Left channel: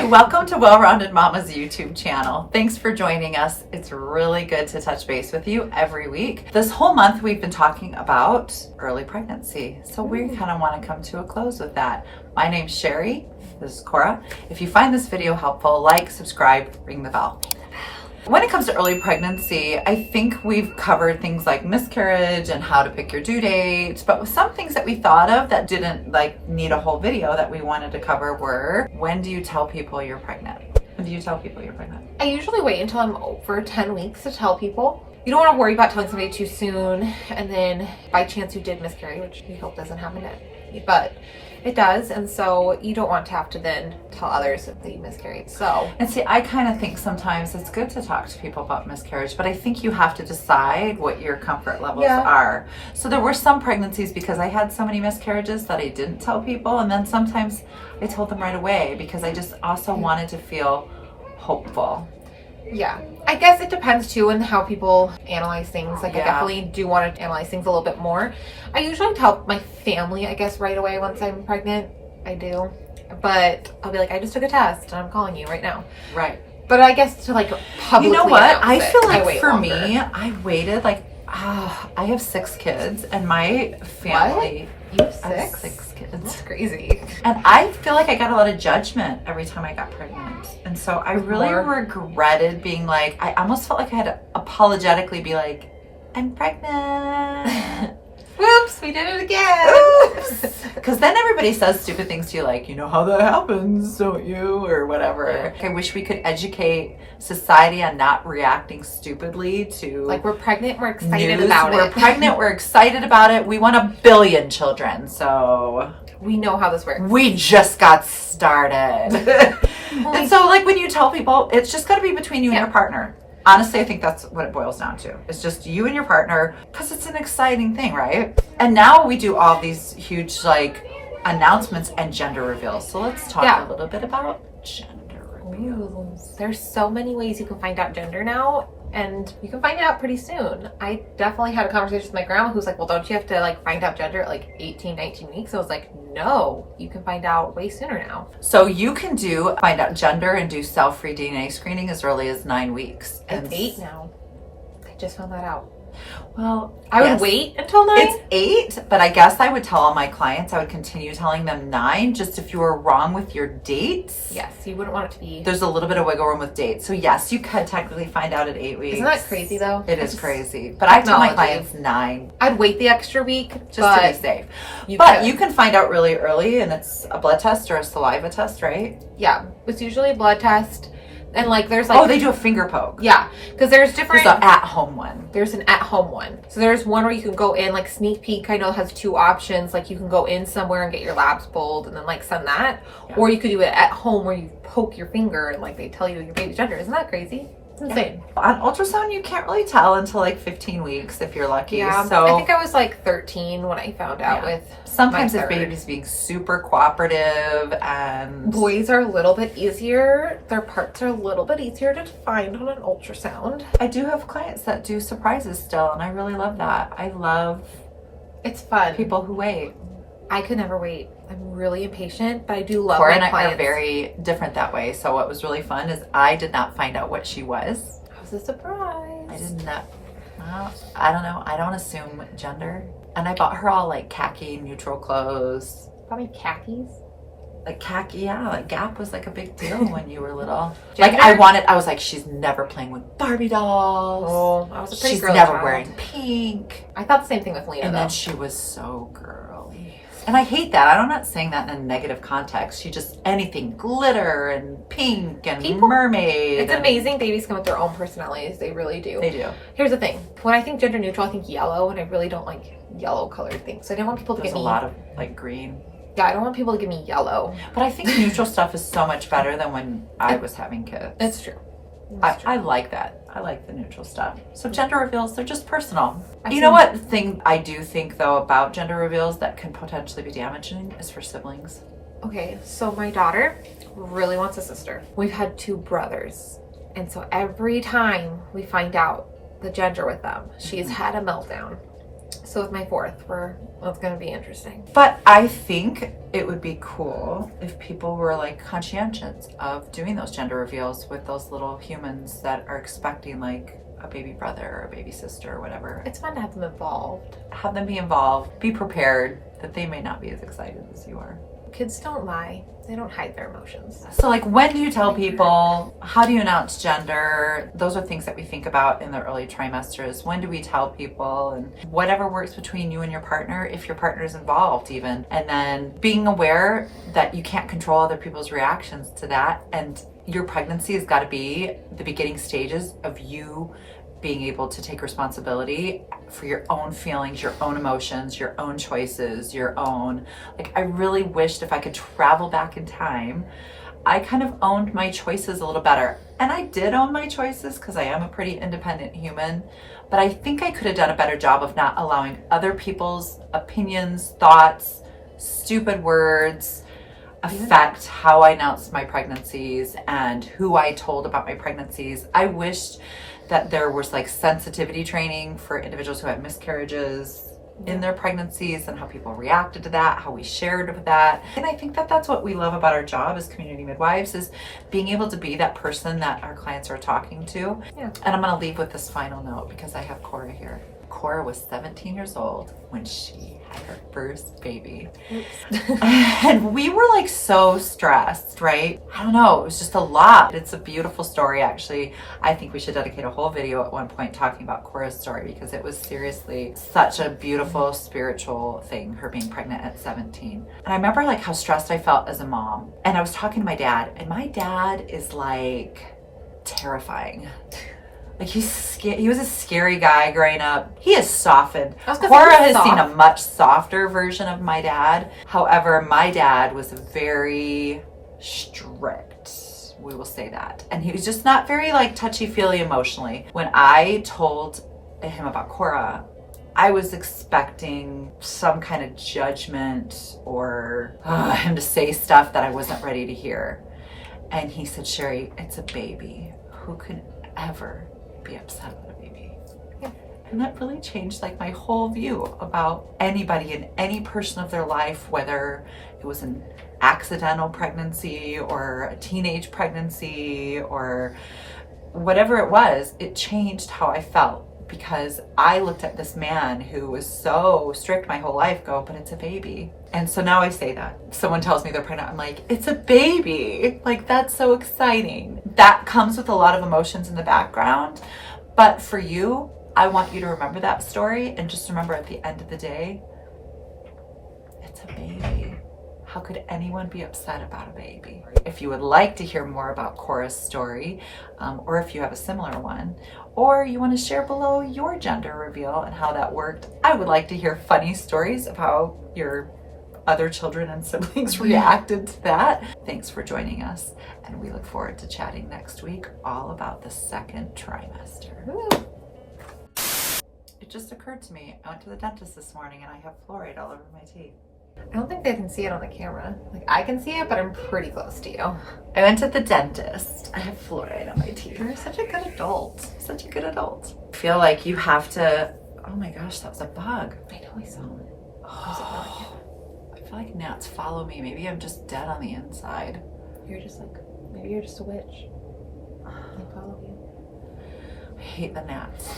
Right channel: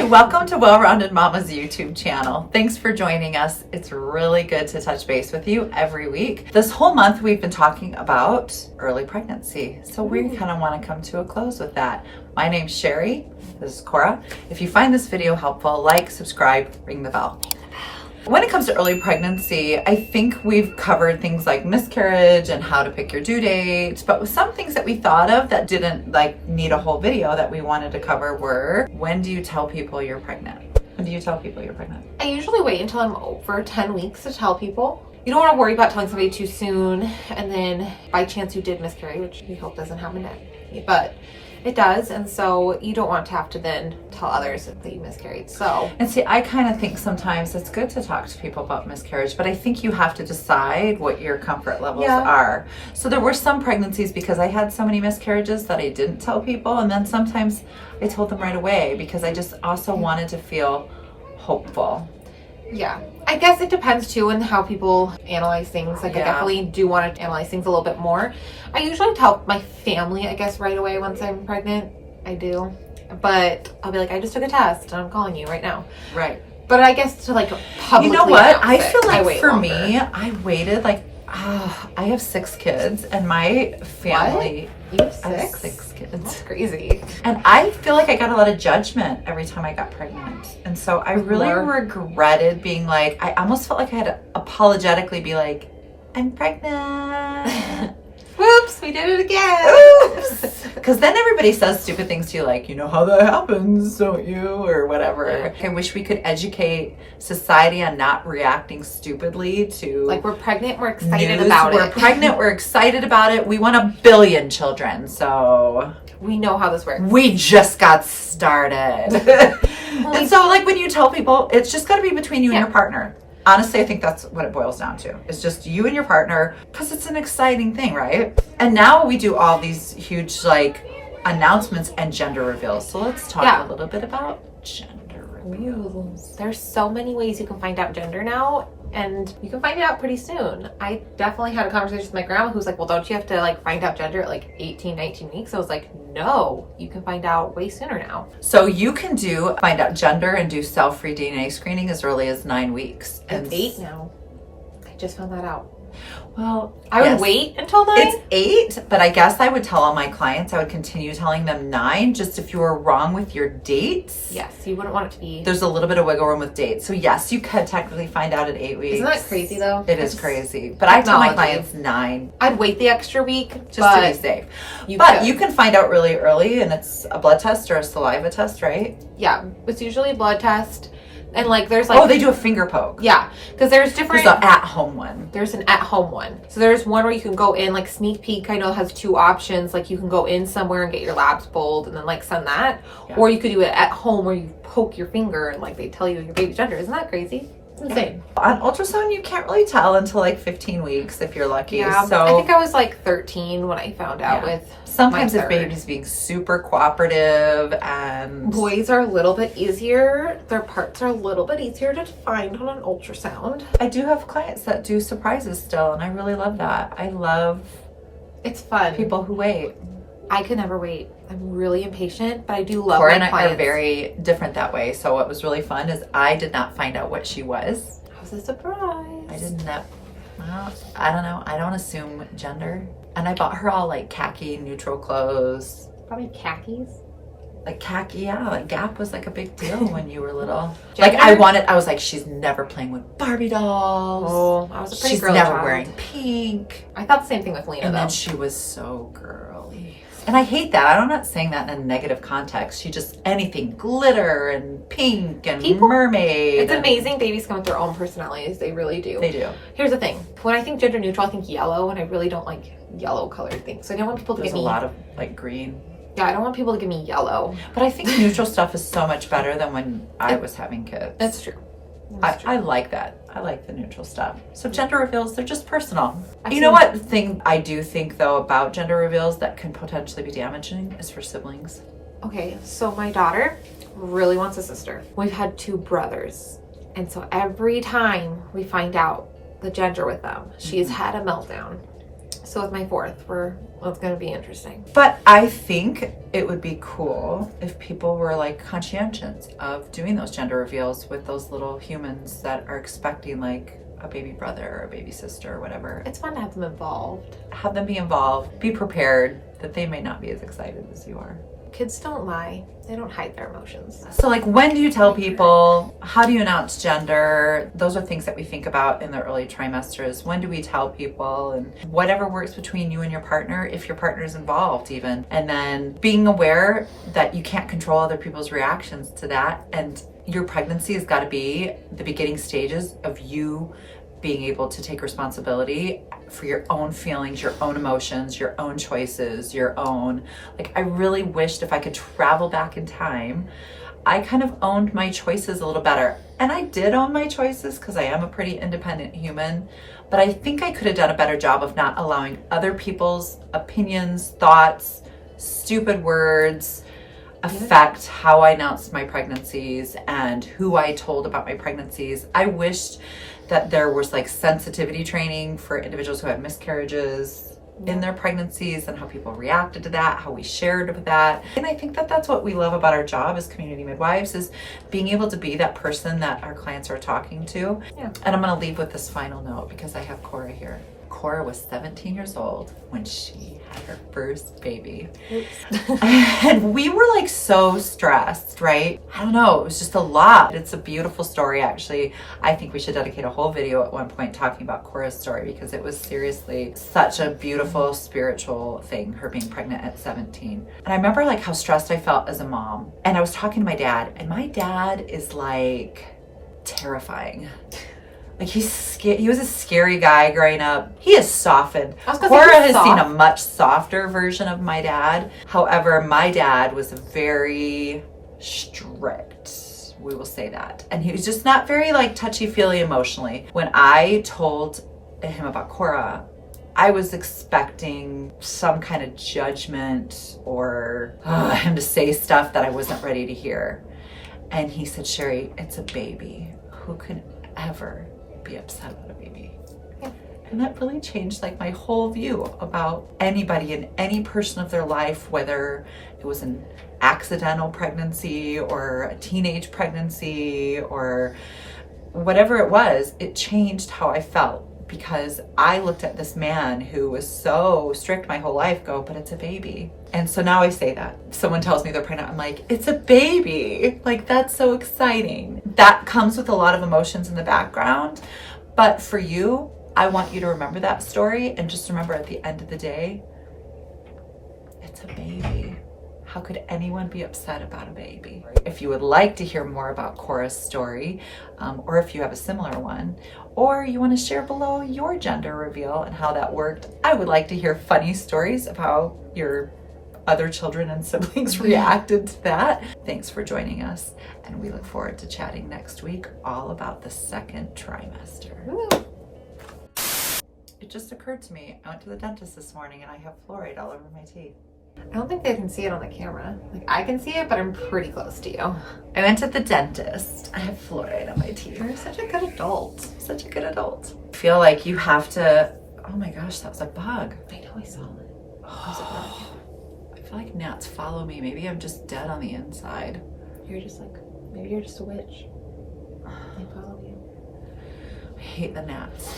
Hi, welcome to Well Rounded Momma's YouTube channel. Thanks for joining us. It's really good to touch base with you every week. This whole month we've been talking about early pregnancy, so we kind of want to come to a close with that. My name's Sherry. This is Cora. If you find this video helpful, like, subscribe, ring the bell. When it comes to early pregnancy, I think we've covered things like miscarriage and how to pick your due date, but with some things that we thought of that didn't need a whole video that we wanted to cover were, when do you tell people you're pregnant? When do you tell people you're pregnant? I usually wait until I'm over 10 weeks to tell people. You don't want to worry about telling somebody too soon, and then by chance you did miscarry, which we hope doesn't happen to you, but it does, and so you don't want to have to then tell others that you miscarried. So, and see, I kind of think sometimes it's good to talk to people about miscarriage, but I think you have to decide what your comfort levels are. So there were some pregnancies because I had so many miscarriages that I didn't tell people, and then sometimes I told them right away because I just also wanted to feel hopeful. Yeah, I guess it depends too on how people analyze things. I definitely do want to analyze things a little bit more. I usually tell my family, I guess, right away once I'm pregnant. I do. But I'll be like, I just took a test and I'm calling you right now. Right. But I guess to publicly, you know what? I feel like for longer. Me, I waited I have 6 kids and my family. What? You have 6? I have 6 kids. That's crazy. And I feel like I got a lot of judgment every time I got pregnant. And so I really regretted being I almost felt like I had to apologetically be like, I'm pregnant. Whoops, we did it again. Oops. Because then everybody says stupid things to you you know how that happens, don't you? Or whatever. I wish we could educate society on not reacting stupidly to we're pregnant, we're excited news. about it. We're pregnant, we're excited about it. We want 1 billion children, so we know how this works. We just got started. And so when you tell people, it's just got to be between you and your partner. Honestly, I think that's what it boils down to. It's just you and your partner, because it's an exciting thing, right? And now we do all these huge announcements and gender reveals. So let's talk a little bit about gender reveals. There's so many ways you can find out gender now, and you can find it out pretty soon. I definitely had a conversation with my grandma who's like, well, don't you have to find out gender at 18, 19 weeks? I was like, no, you can find out way sooner now. So you can find out gender and do cell-free DNA screening as early as 9 weeks. It's 8 now. I just found that out. Well, I would wait until 9. It's 8, but I guess I would tell all my clients, I would continue telling them 9, just if you were wrong with your dates. Yes, you wouldn't want it to be. There's a little bit of wiggle room with dates. So yes, you could technically find out at 8 weeks. Isn't that crazy though? It is crazy. But I tell my clients 9. I'd wait the extra week just to be safe. You can find out really early, and it's a blood test or a saliva test, right? Yeah, it's usually a blood test. And there's oh, they do a finger poke. Yeah, because there's different. There's an at-home one. There's an at-home one. So there's one where you can go in, sneak peek. I know it has 2 options. You can go in somewhere and get your labs pulled and then send that, or you could do it at home where you poke your finger and they tell you your baby's gender. Isn't that crazy? It's insane. On ultrasound, you can't really tell until 15 weeks if you're lucky. Yeah, so I think I was 13 when I found out with. Sometimes if baby's being super cooperative, and boys are a little bit easier. Their parts are a little bit easier to find on an ultrasound. I do have clients that do surprises still, and I really love that. I love it's fun. People who wait. I could never wait. I'm really impatient, but I do love Cora my and I clients. are very different that way. So what was really fun is I did not find out what she was. I was a surprise. I did not. Well, I don't know. I don't assume gender. And I bought her all khaki neutral clothes. Probably khakis. Khaki, yeah. Gap was a big deal when you were little. I was she's never playing with Barbie dolls. Oh, I was a pretty She's girly never child. Wearing pink. I thought the same thing with Lena, And though. then she was so girly. And I hate that. I'm not saying that in a negative context. She just, anything glitter and pink and mermaid. It's amazing babies come with their own personalities. They really do. They do. Here's the thing. When I think gender neutral, I think yellow, and I really don't like yellow colored things. So I don't want people to There's give me... a lot of green. Yeah, I don't want people to give me yellow. But I think neutral stuff is so much better than when I was having kids. That's true. I like that. I like the neutral stuff. So gender reveals, they're just personal. You know what thing I do think, though, about gender reveals that can potentially be damaging is for siblings. Okay, so my daughter really wants a sister. We've had 2 brothers. And so every time we find out the gender with them, she's had a meltdown. So with my fourth, it's going to be interesting. But I think it would be cool if people were like conscientious of doing those gender reveals with those little humans that are expecting like a baby brother or a baby sister or whatever. It's fun to have them involved. Have them be involved. Be prepared that they may not be as excited as you are. Kids don't lie. They don't hide their emotions. So like, when do you tell people? How do you announce gender? Those are things that we think about in the early trimesters. When do we tell people? And whatever works between you and your partner, if your partner is involved even. And then being aware that you can't control other people's reactions to that. And your pregnancy has got to be the beginning stages of you being able to take responsibility for your own feelings, your own emotions, your own choices, your own, like, I really wished if I could travel back in time, I kind of owned my choices a little better. And I did own my choices because I am a pretty independent human, but I think I could have done a better job of not allowing other people's opinions, thoughts, stupid words affect how I announced my pregnancies and who I told about my pregnancies. I wished that there was like sensitivity training for individuals who had miscarriages in their pregnancies and how people reacted to that, how we shared with that. And I think that that's what we love about our job as community midwives, is being able to be that person that our clients are talking to. Yeah. And I'm going to leave with this final note because I have Cora here. Cora was 17 years old when she had her first baby. And we were like so stressed, right? I don't know, it was just a lot. It's a beautiful story, actually. I think we should dedicate a whole video at one point talking about Cora's story because it was seriously such a beautiful spiritual thing, her being pregnant at 17. And I remember like how stressed I felt as a mom. And I was talking to my dad, and my dad is like terrifying. Like he was a scary guy growing up. He has softened. Cora has seen a much softer version of my dad. However, my dad was very strict. We will say that. And he was just not very like touchy-feely emotionally. When I told him about Cora, I was expecting some kind of judgment or him to say stuff that I wasn't ready to hear. And he said, Sherry, it's a baby. Who could ever be upset about a baby? And that really changed like my whole view about anybody and any person of their life, whether it was an accidental pregnancy or a teenage pregnancy or whatever it was. It changed how I felt because I looked at this man who was so strict my whole life go, but it's a baby. And so now I say that. Someone tells me they're pregnant, I'm like, it's a baby. Like, that's so exciting. That comes with a lot of emotions in the background. But for you, I want you to remember that story and just remember at the end of the day, it's a baby. How could anyone be upset about a baby? If you would like to hear more about Cora's story, or if you have a similar one, or you want to share below your gender reveal and how that worked, I would like to hear funny stories of how your other children and siblings reacted to that. Thanks for joining us, and we look forward to chatting next week all about the second trimester. Woo. It just occurred to me, I went to the dentist this morning and I have fluoride all over my teeth. I don't think they can see it on the camera. Like, I can see it, but I'm pretty close to you. I went to the dentist. I have fluoride on my teeth. You're such a good adult. Such a good adult. I feel like you have to, oh my gosh, that was a bug. I know, I saw it. Oh, I feel like gnats follow me. Maybe I'm just dead on the inside. You're just like, maybe you're just a witch. They follow you. I hate the gnats.